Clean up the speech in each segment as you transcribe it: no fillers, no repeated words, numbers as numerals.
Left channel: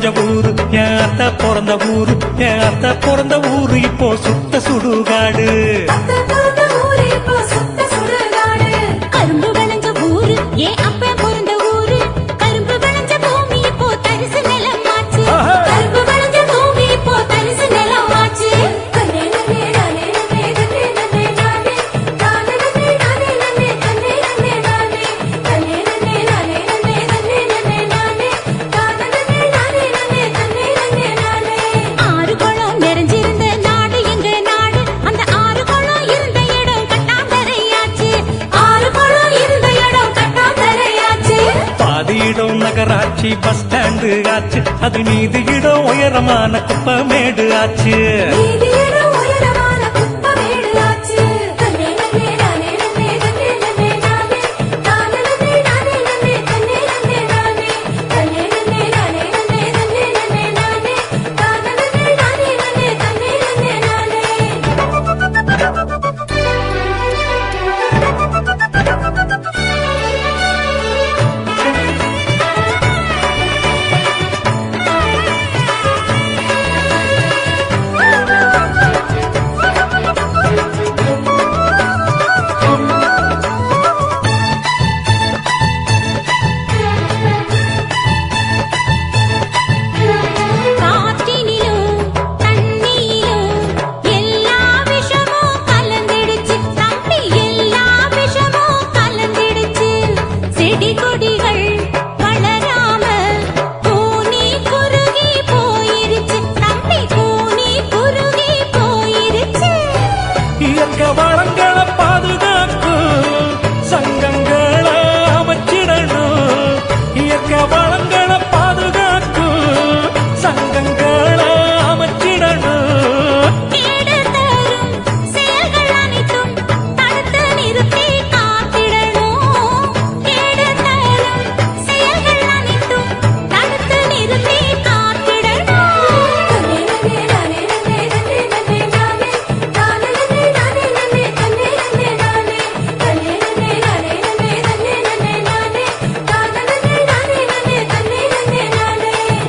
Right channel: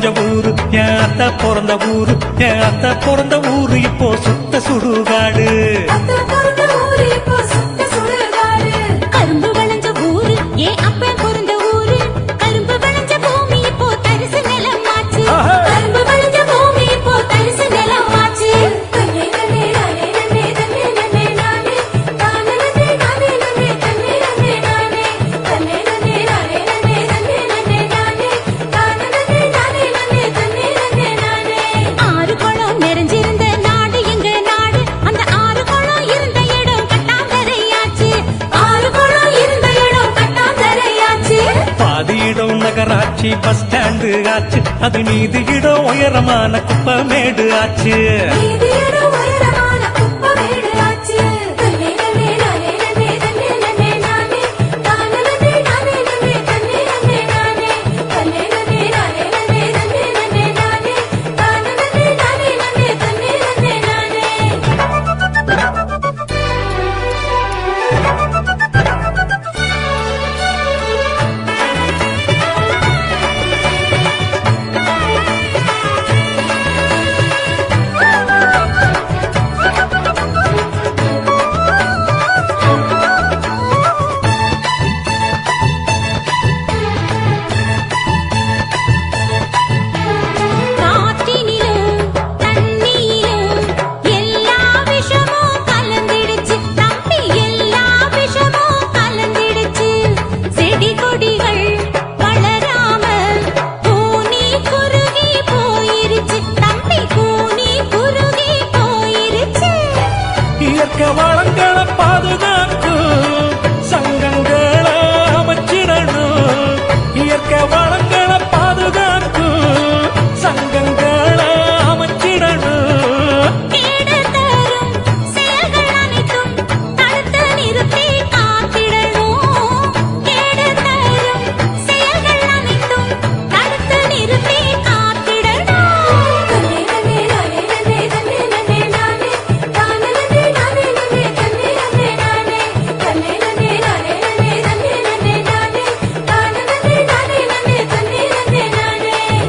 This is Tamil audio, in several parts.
விளைஞ்ச ஊரு என் அத்தை பிறந்த ஊரு, என் அத்தை பிறந்த ஊரு இப்போ சுத்த சுடுகாடு. கரும்பு விளைஞ்ச ஊரு என் அப்ப பிறந்த ஊரு, கரும்பு விளைஞ்ச பூமி இப்போ தரிசு நிலமாச்சு, கரும்பு விளைஞ்ச பூமி இப்போ தரிசு நிலமாச்சு. ஆறு குளம் நிறைஞ்சிருந்த நாடு எங்க நாடு, அந்த ஆறு குளம் இருந்த இடம் கட்டாந்தரையாச்சு, ஆறு குளம் இருந்த இடம் கட்டாந்தரையாச்சு. பாதி இடம் நகராட்சி பஸ் ஸ்டாண்டு ஆச்சு, அது மீதி இடம் உயரமான குப்பமேடு ஆச்சு. காற்றினிலும் தண்ணியிலும் எல்லா விஷமும் கலந்திடுச்சு தம்பி, எல்லா விஷமும் கலந்திடுச்சு. செடி கொடிகள் வளராம கூனி குறுகி போயிருச்சு தம்பி, கூனி குறுகி போயிருச்சு. இயற்கை வளங்களை பாதுகாக்கும் சங்கங்களை அமைச்சிடணும், இயற்கை வளங்களை பாதுகாக்கும் சங்கங்களை அமைச்சிடணும். கேடு தரும் செயல்கள் அனைத்தும் தடுத்து நிறுத்தி காத்திடணும், கேடு தரும் செயல்கள் அனைத்தும் தடுத்து நிறுத்தி காத்திடணும்.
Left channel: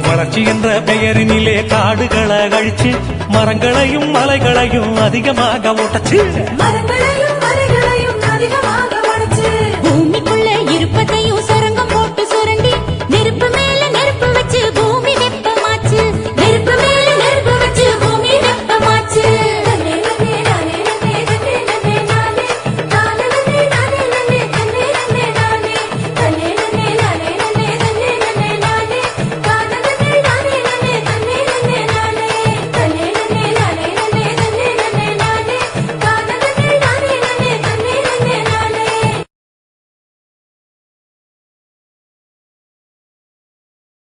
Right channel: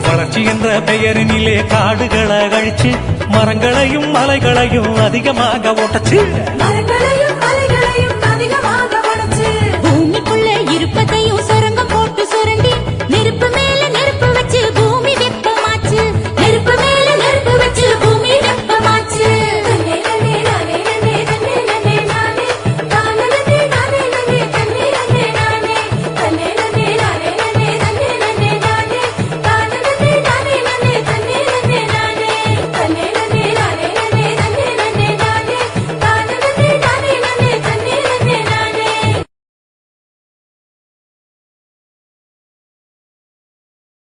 வளர்ச்சி என்ற பெயரினிலே காடுகளை அழிச்சு மரங்களையும் மலைகளையும் அதிகமாக ஓட்டச்சு. பூமிக்குள்ள இருப்பதையும் சுரங்கம் போட்டு சுரண்டி நெருப்பு மேல நெருப்பு வச்சு